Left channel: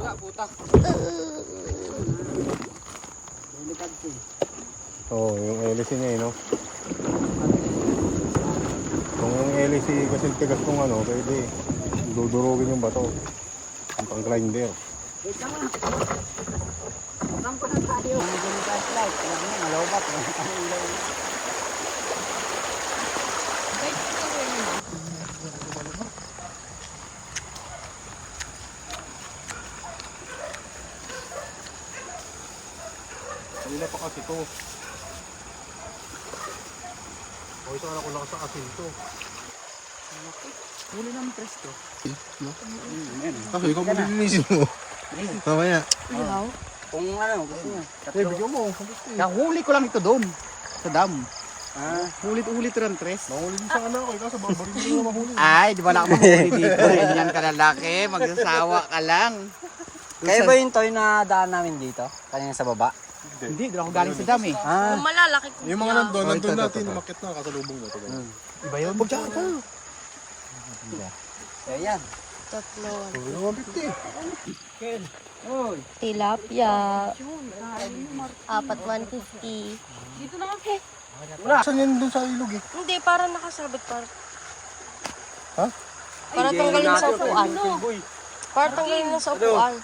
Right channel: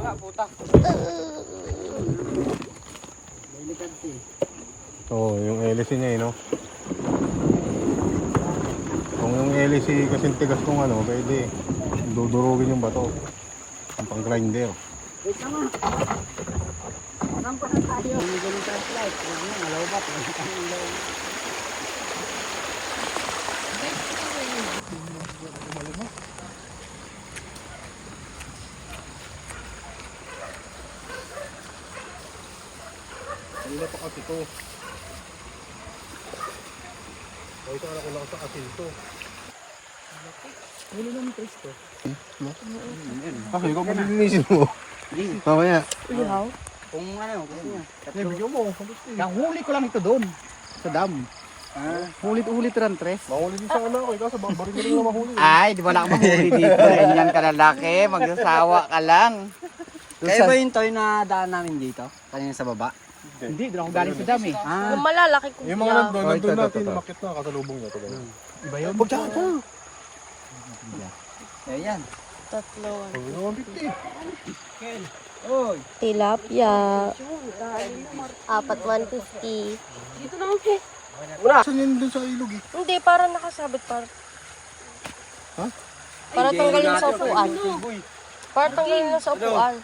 Wala, puta. Delikad eh. Oo, yung LC niya no. Ang LC kasi tigas kung ano, pwede dudurugin yung bato. Ang pang-grinder. Wait lang ah. Saan pa na tayo? Bumigyan ng flashlight. Wala na, malobat. Wala tayong ilaw. Kanina pa kasi to. O ito anak ko lang sa asin to. Huli naman presto. Kasi ikaw ba nilinisin mo? Mamaya. Ihaw? Kung ano, gusto niya. Video mo. Huli ko lang ito doon. Sa dam. Hulit-ulit rin, Tres. Mahuli din sa anak ko. Ikaw sa barbari mo rin na mahuli. Ay, di ba lang mahuli dito? Ganyan ka lalaki. Magsasawa ka lang. Kaya ba yung toy na daan namin dito? Kanina sa baba? Hindi, doon ako galing sa dam eh. Yung malalaki ko Yung mga nandun, Oh, nandun ito, natin. ito. Nakit na kasalubong na to. Iba yun? Huwag siya ito. Ayan. tatlo. Huwag 150. Tilapia. Apat 150. Saan yun dun sa ilog eh? Hindi, para nakasabit. Para Ha? Para tanggalin sa upuan. Para tanggalin na sa upuan.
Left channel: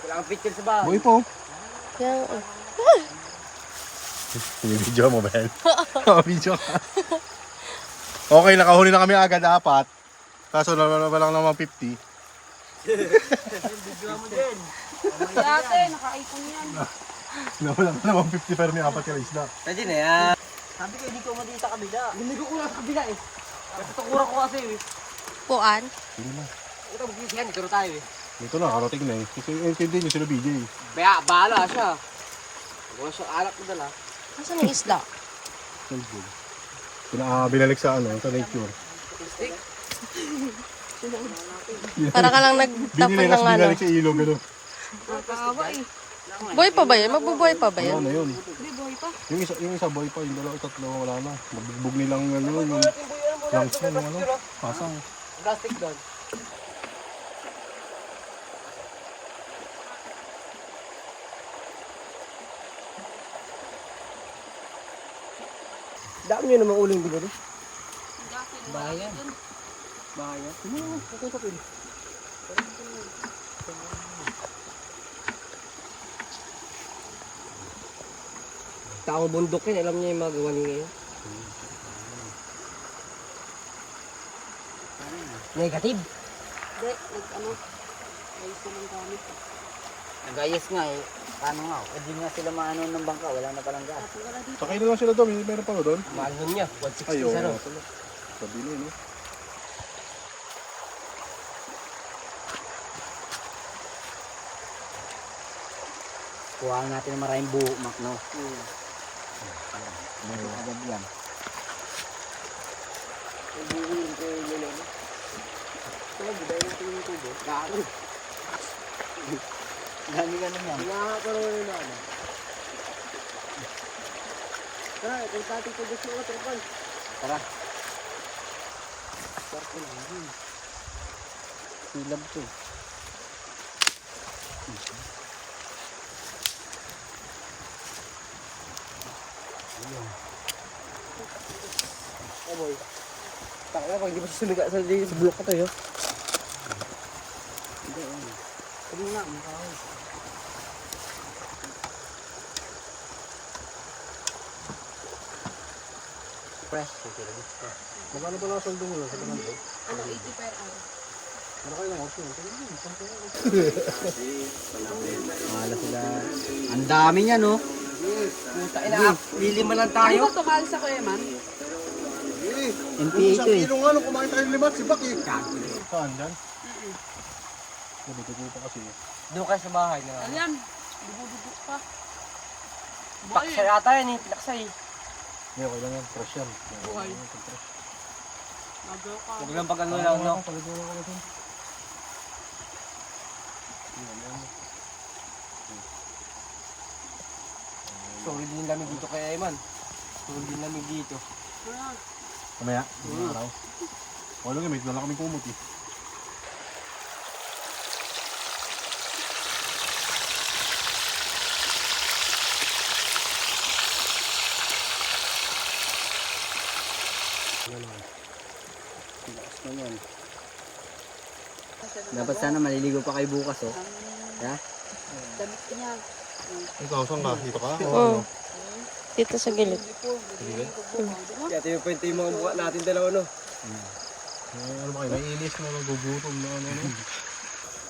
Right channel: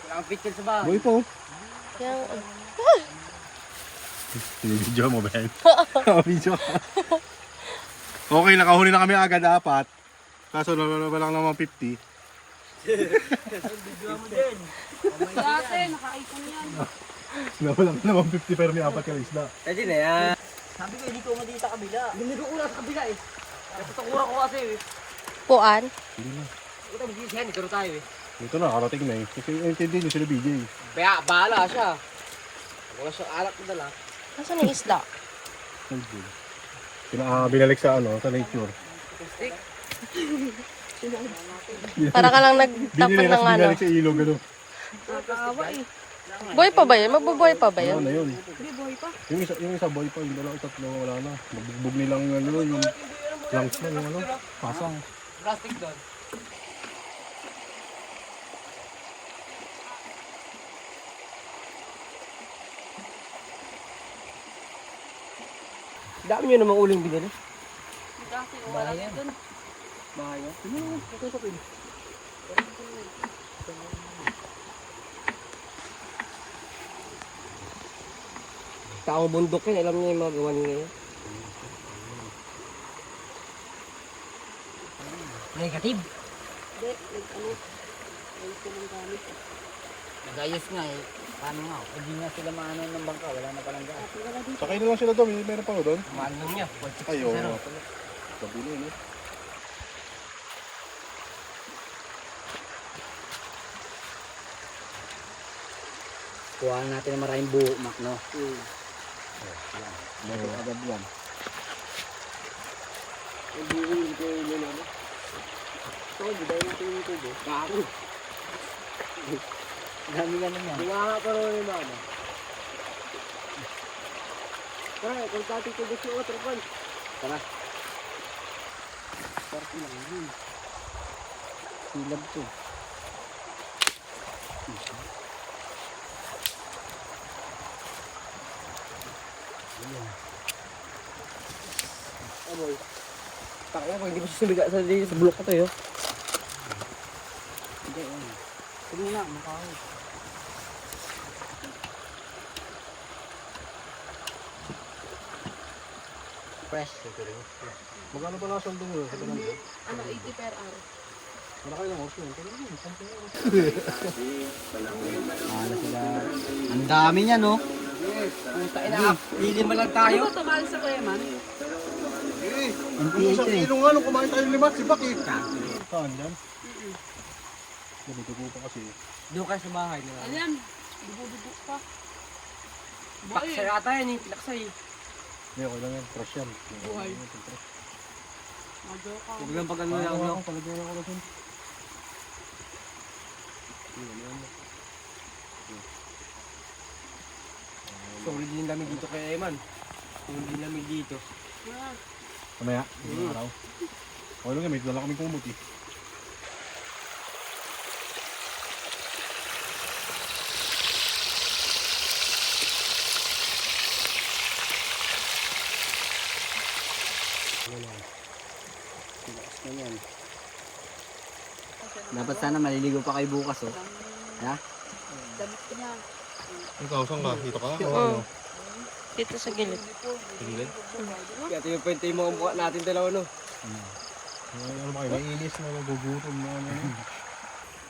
Walang picture sa bahay. Boy po. Kaya, Video mo, Ben. Video ka. Okay, nakahuli na kami agad 4. Kaso lang naman 50. Dati, naka-iPhone yan. Nawala na naman 50 pero may 4 yung isda. Pwede na yan. Sabi ko, hindi ko madita kabila. Lumigo ko lang sa kabila eh. Kapatukuha ko kasi eh. Puan. Hindi na. Ito, magiging yan. Dito tayo eh. Dito na, karating na eh. Kasi hindi nyo sila BJ. Kaya, bahala siya. Wala siyang alak ko dala. Asan yung isda? Binalik sa ano, sa nature. Para ka lang nagtapon Binili, ng tapos ano. binalik sa ilog, ano. Buhay pa ba yun? Magbubuhay pa ba Ano yun? na yun? Yung isa boy pa, yung dalawa, tatlo, wala na. Nabugbog nilang ano, yung lungs na, yung ano, pasang. Plastic doon. Dami nyo namang uling binili. Bayan. Bayan. Tao bundok yun, alam niya yung mga gawa niya ngayon. Negative. Nagayos nga eh. Ano nga, hindi nga sila maano ng bangka, wala na palang gas. Sakay na lang sila doon, meron pa doon. Mahal nun niya, 160 Ayun, sa ro. sabi niya, no? Kuhaan natin ng maraming buhok, Mac, no? Oh, yan. Bato agad yan. Ito, buday natin yung tubo. Garo. Dami yan naman. Nakakaroon yung bala. Tara, kung tating tubo siya o, trapal. Tara. Sarap na lang. Silab to. Aboy. Kaya ko, hindi ba susumiga sa bulok ko tayo? Hindi, yan. Sabi nga, mukha ko. Fresh. Magkano ba lang sweldo mo sa Banando? Ano, 80 per hour. Wala kayo ng option. Mahala sila. Ang dami niya, no? Puta ina, lilima lang tayo. Ano ba tumahal sa Kuya Man? NPA to eh. Kilo nga nung kumain tayo 5, si Baki. Saan dyan? Nabuti ko pa kasi. Doon kayo sa bahay na. Ano yan? Dugo-dugo pa. Paksa yata yan eh, laksay. Hindi, okay lang yan. Fresh yan. Buhay. Fresh. Magaw ka. Huwag lang pag ano lang, no? Palagyan ako kasi. Yan. Solid din lamig dito kay Eman. Solid din lamig dito. Kamaya, araw. O lang may dala kaming kumot eh. Dapat sana maliligo pa kayo bukas oh. Ha? Ikaw, saan ka? Dito ka? Oo. Dito sa gilid. Sige. Kaya tayo pwede yung mga mukha natin dalawa no. Ano ba kayo? Naiinis na nagugutom na ano.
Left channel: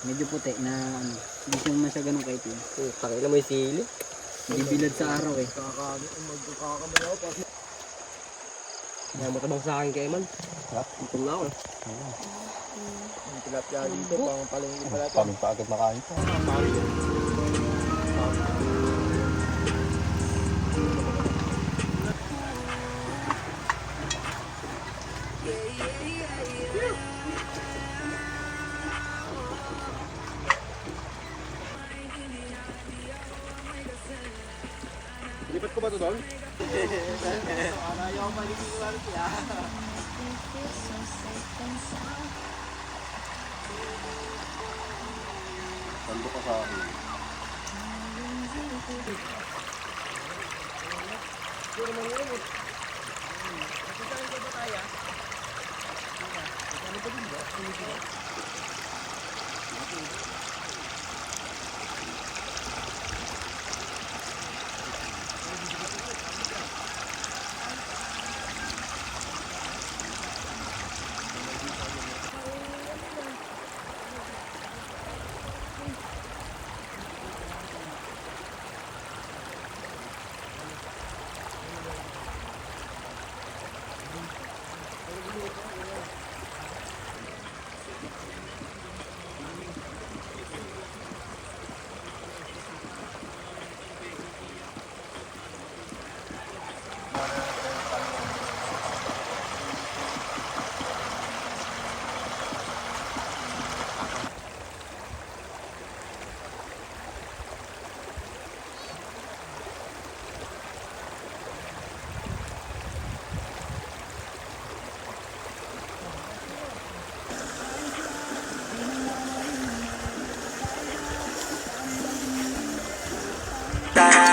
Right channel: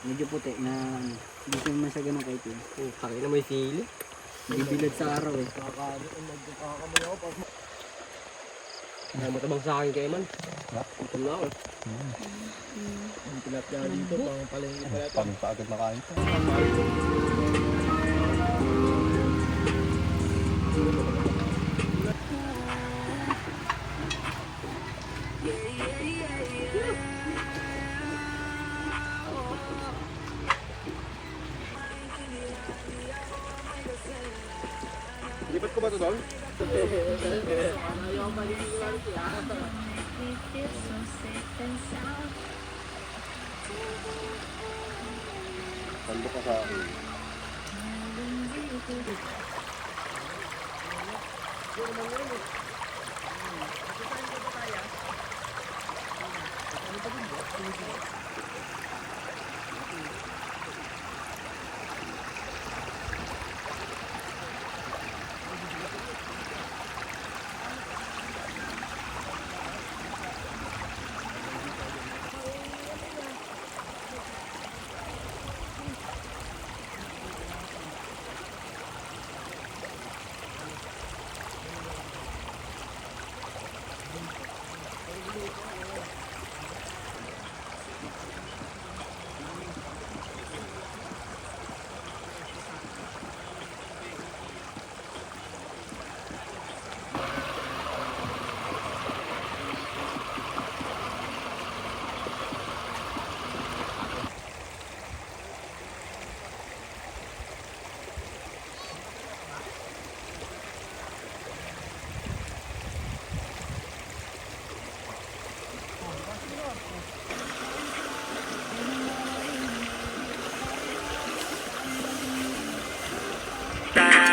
Medyo puti na ano. Hindi siya naman siya ganun kaitin. Takay na may sili. Hindi bilad sa araw eh. Magkakamayaw pa. Kaya matabang sa akin kay Eman. Itom na ako. Yung tilapia dito, pang palengke pala ito. Paano pa agad makain to? Lipat ko ba ito doon? Tando ka sa akin.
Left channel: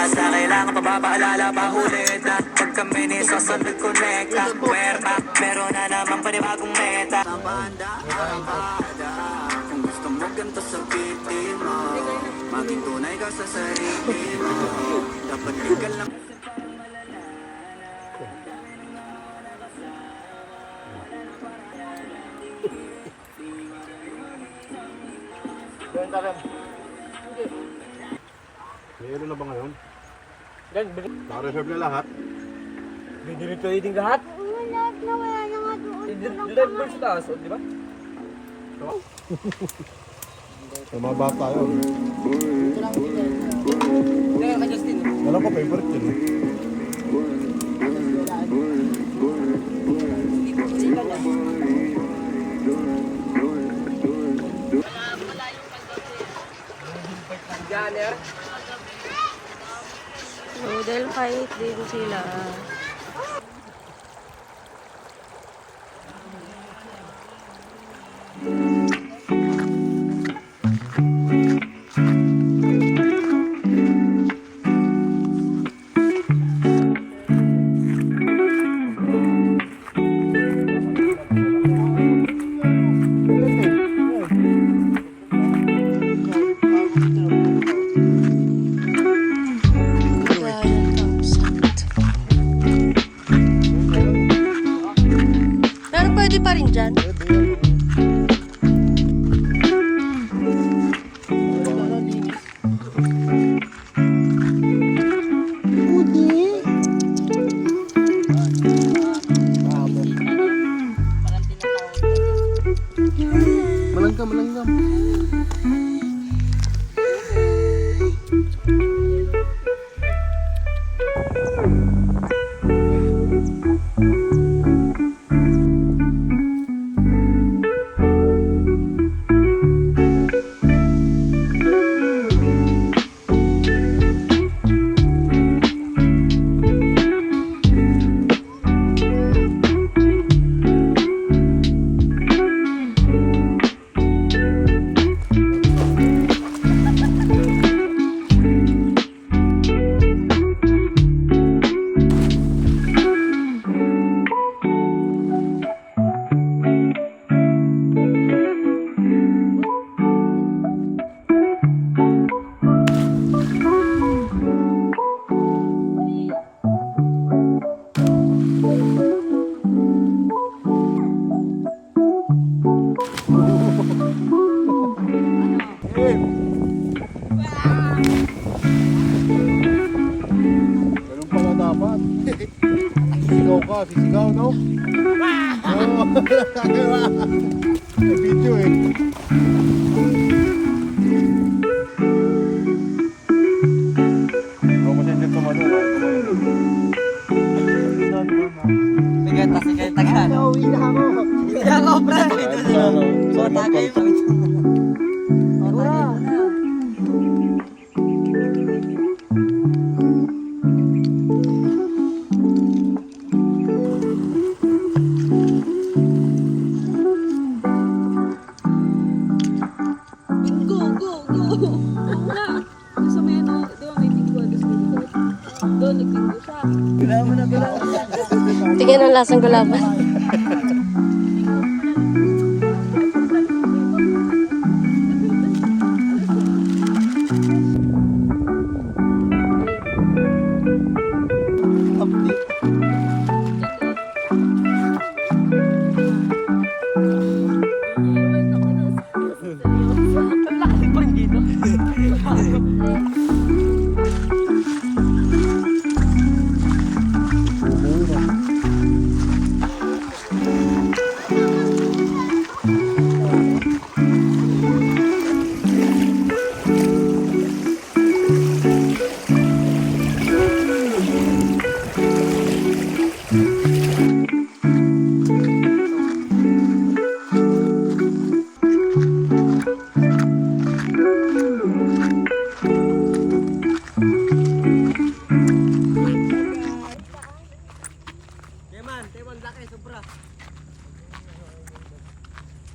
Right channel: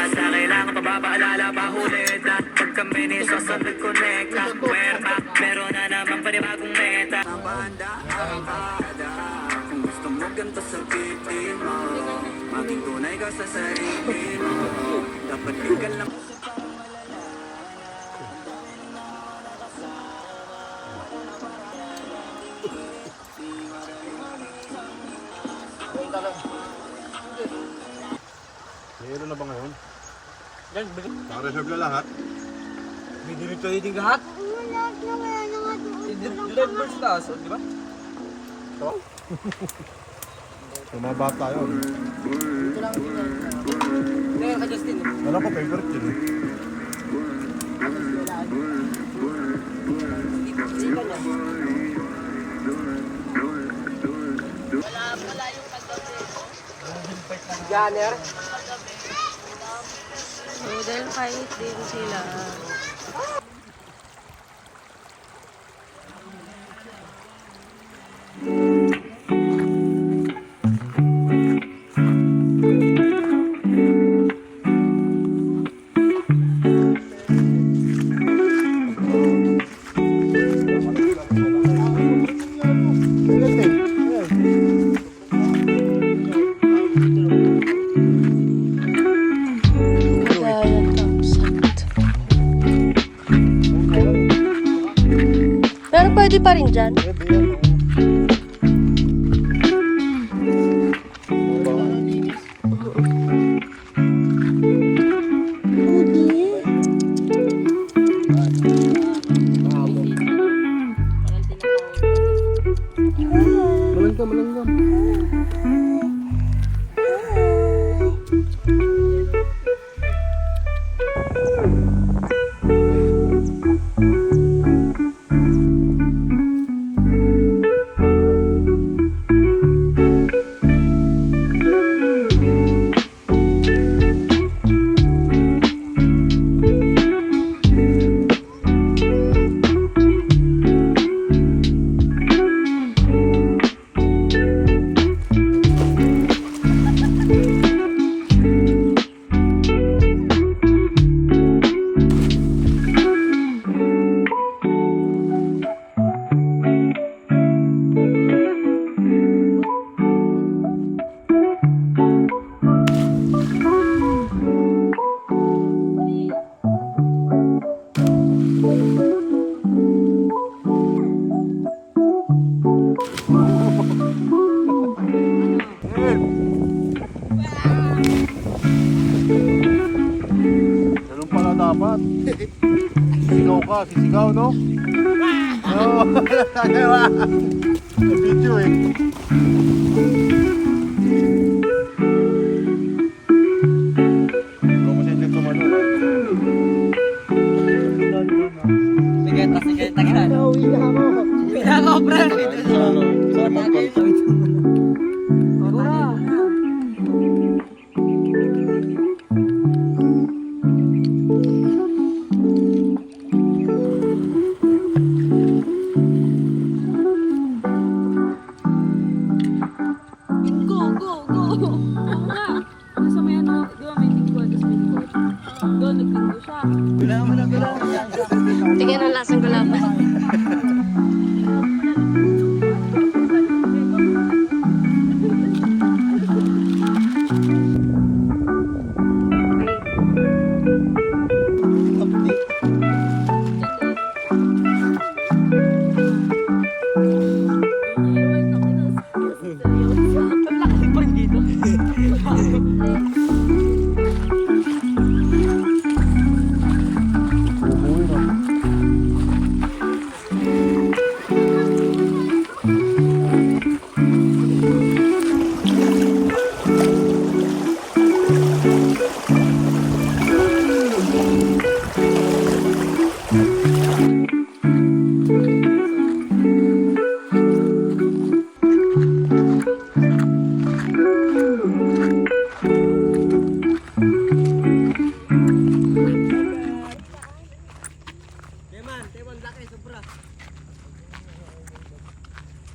Sa kailangan pa ba paalala pa ulit na pag kami ni sasabit connecta Merta, meron na naman panibagong meta Nabanda, arangkada Kung gusto mo ganito sa pitin mo Maging tunay ka sa sarili mo Dapat bigyan lang Yelo na ba ngayon? Yan, Naka-reserve na lahat? binilip tayo din lahat. Lahat na wala na nga doon. Dilan mo sa taas, di ba? Tumaba tayo. Hindi, ka Justin. Alam ko, favorite yun eh. Sika niya. Gunner. Noodle fight din sila. Pero pwede pa rin dyan. Malanggam, malanggam. ba? Sisigaw, no? Oo, kagawa. May video eh. Ako kasi dyan tumalo. Sige, taga. Uwi na ako, pre. So, tagay mo. Tingnan ang lasang gulaman.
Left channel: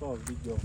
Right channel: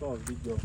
Ito, video.